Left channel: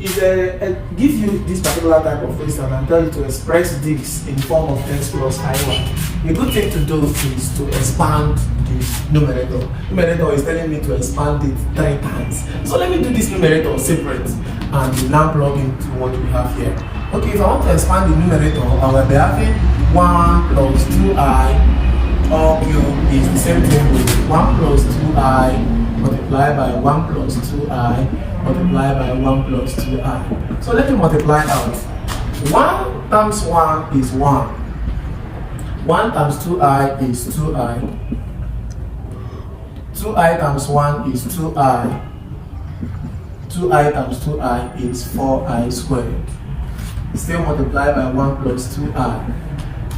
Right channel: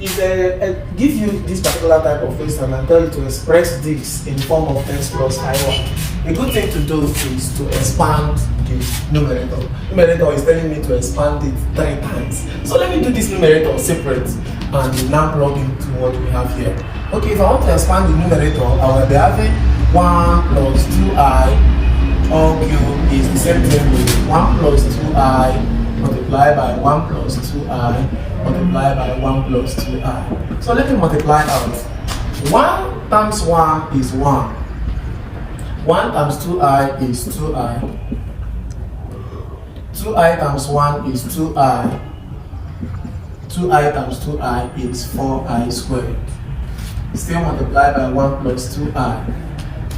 give you this particular type of question and tell you to express this in the form of x plus iy, a good thing to do is to expand the numerator. Numerator is telling me to expand it 3 times. So let me do this numerator separate and now plug into what we have here. Okay, if I want to expand the numerator, I will be having 1 plus 2i all cubed is the same thing with 1 plus 2i multiplied by 1 plus 2i multiplied by 1 plus 2i. So let me multiply out. 1 times 1 is 1. 1 times 2i is 2i. 2i times 1 is 2i. 2i times 2i is 4i squared. Still multiplied by 1 plus 2i.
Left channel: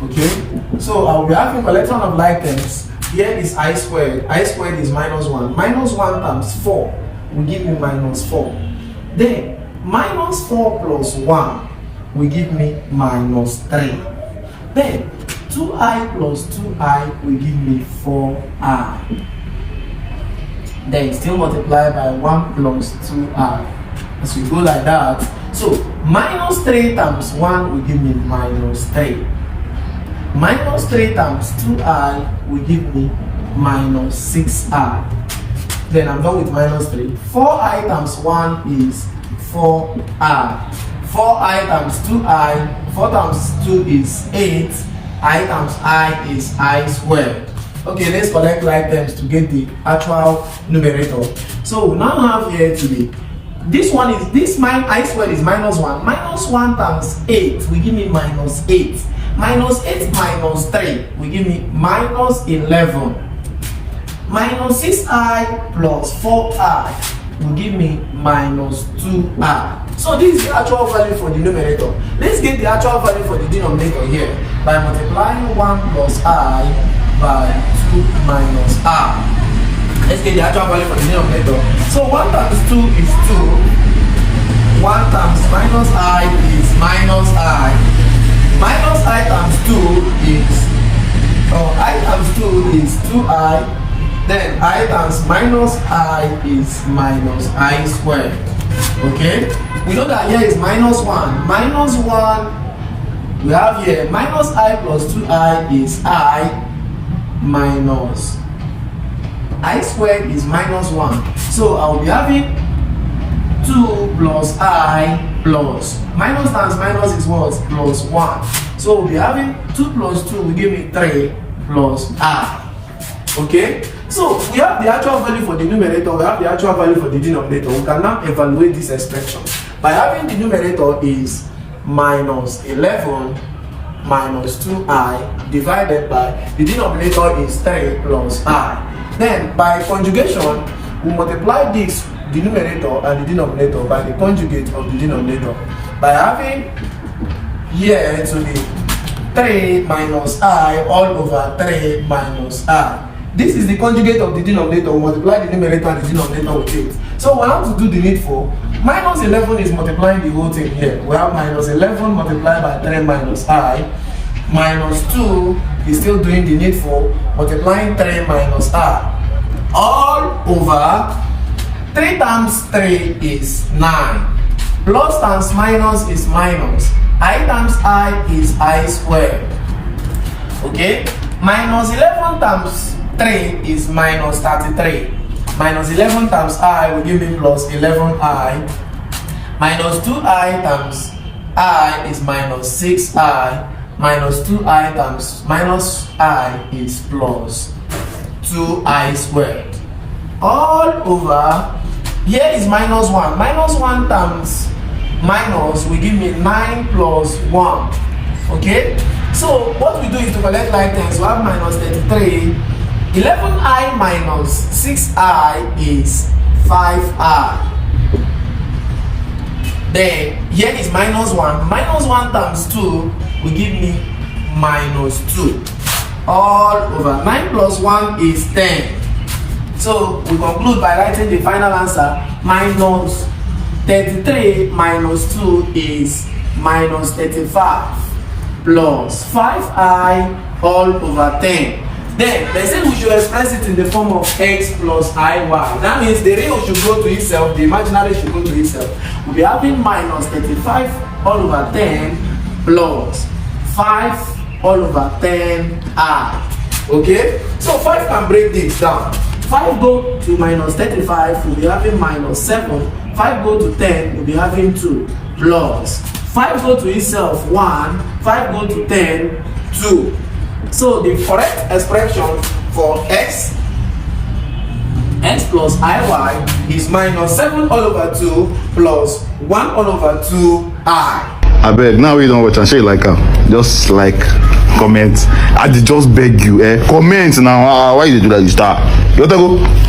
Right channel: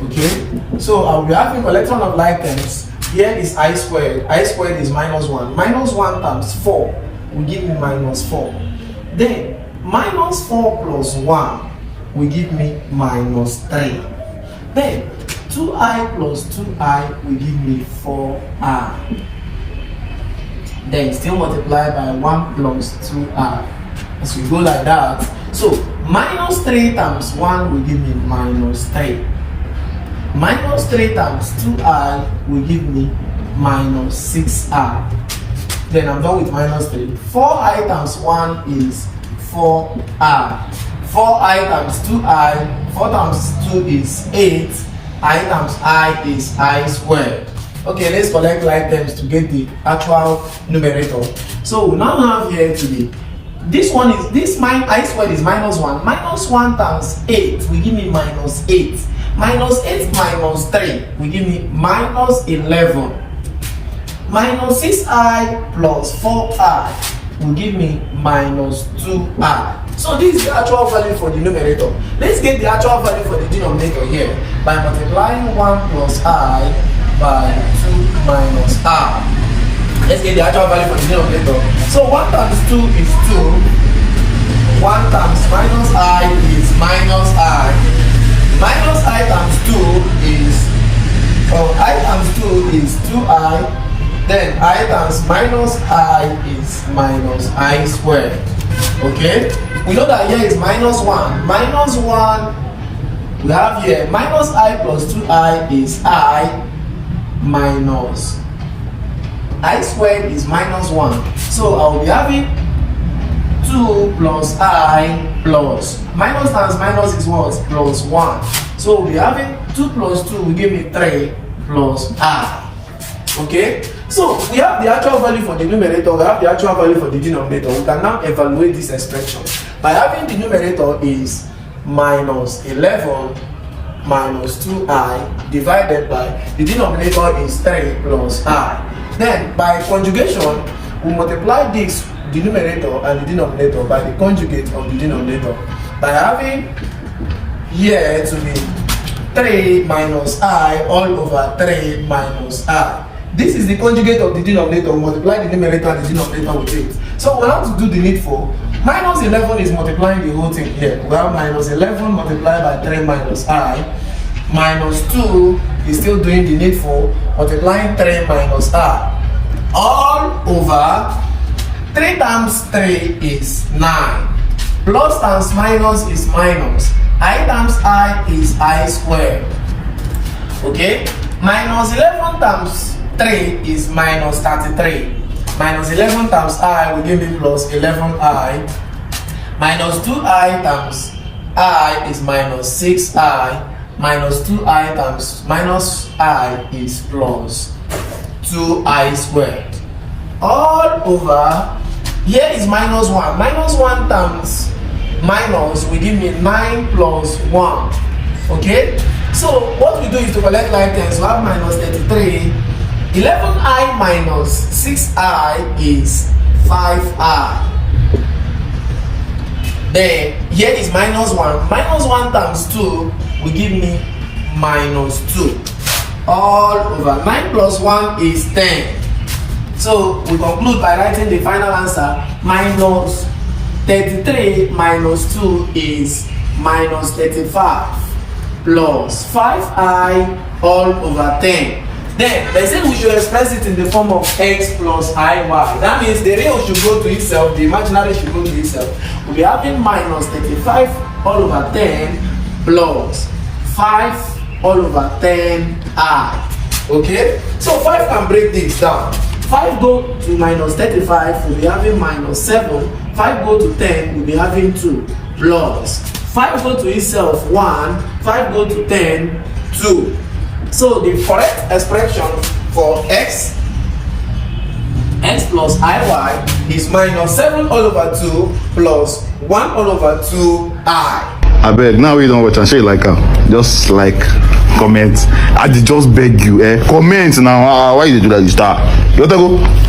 Okay? So I'll be having collection of like terms. Here is I squared. I squared is minus 1. Minus 1 times 4 will give me minus 4. Then minus 4 plus 1 will give me minus 3. Then 2i plus 2i will give me 4i. Then still multiply by 1 plus 2i. As we go like that, so minus 3 times 1 will give me minus 3. Minus 3 times 2i will give me minus 6i. Then I'm done with minus 3. 4i times 1 is 4i. 4i times 2i, 4 times 2 is 8. I times I is I squared. Okay, let's collect like terms to get the actual numerator. So we now have here today. This one is I squared is minus 1. Minus 1 times 8 will give me minus 8. Minus 8 minus 3 will give me minus 11. Minus 6i plus 4i will give me minus 2i. So this is the actual value for the numerator. Let's get the actual value for the denominator here by multiplying 1 plus I by 2 minus I. Let's get the actual value for the denominator. So 1 times 2 is 2. 1 times minus I is minus I. Minus I times 2 is, I times 2 is 2i. Then I times minus I is minus I squared. Okay? We know that here is minus 1. Minus 1, we have here minus I plus 2i is I minus I squared is minus 1. So I will be having 2 plus I plus minus times minus is what? Plus 1. So we'll be having 2 plus 2 will give me 3 plus I. Okay? So we have the actual value for the numerator, we have the actual value for the denominator. We can now evaluate this expression by having the numerator is minus 11 minus 2i divided by the denominator is 3 plus I. Then by conjugation, we multiply this, the numerator and the denominator, by the conjugate of the denominator. By having here to be 3 minus I all over 3 minus I. This is the conjugate of the denominator. Multiply the numerator and the denominator with it. So we have to do the needful. Minus 11 is multiplying the whole thing here. We have minus 11 multiplied by 3 minus I. Minus 2 is still doing the needful, multiplying 3 minus I. All over 3 times 3 is 9. Plus times minus is minus. I times I is I squared. Okay? Minus 11 times 3 is minus 33. Minus 11 times I will give me plus 11i. Minus 2i times I is minus 6i. Minus 2i times minus I is plus 2i squared. All over, here is minus 1. Minus 1 times minus will give me 9 plus 1. Okay? So what we do is to collect like terms. We have minus 33. 11i minus 6i is 5i. Then here is minus 1. Minus 1 times 2 will give me minus 2. All over 9 plus 1 is 10. So we conclude by writing the final answer. Minus 33 minus 2 is minus 35 plus 5i all over 10. Then they said we should express it in the form of x plus iy. That means the real should go to itself, the imaginary should go to itself. We'll be having minus 35 all over 10 plus 5 all over 10i. Okay? So 5 can break this down. 5 go to minus 35, we'll be having minus 7. 5 go to 10, we'll be having 2 plus 5 go to itself 1, 5 go to 10, 2. So the correct expression for x plus iy is minus 7 all over 2 plus 1 all over 2i. I beg, now we don't watch and say like just like comment. I just beg you, comment now. Why you do that? You start. You want to go?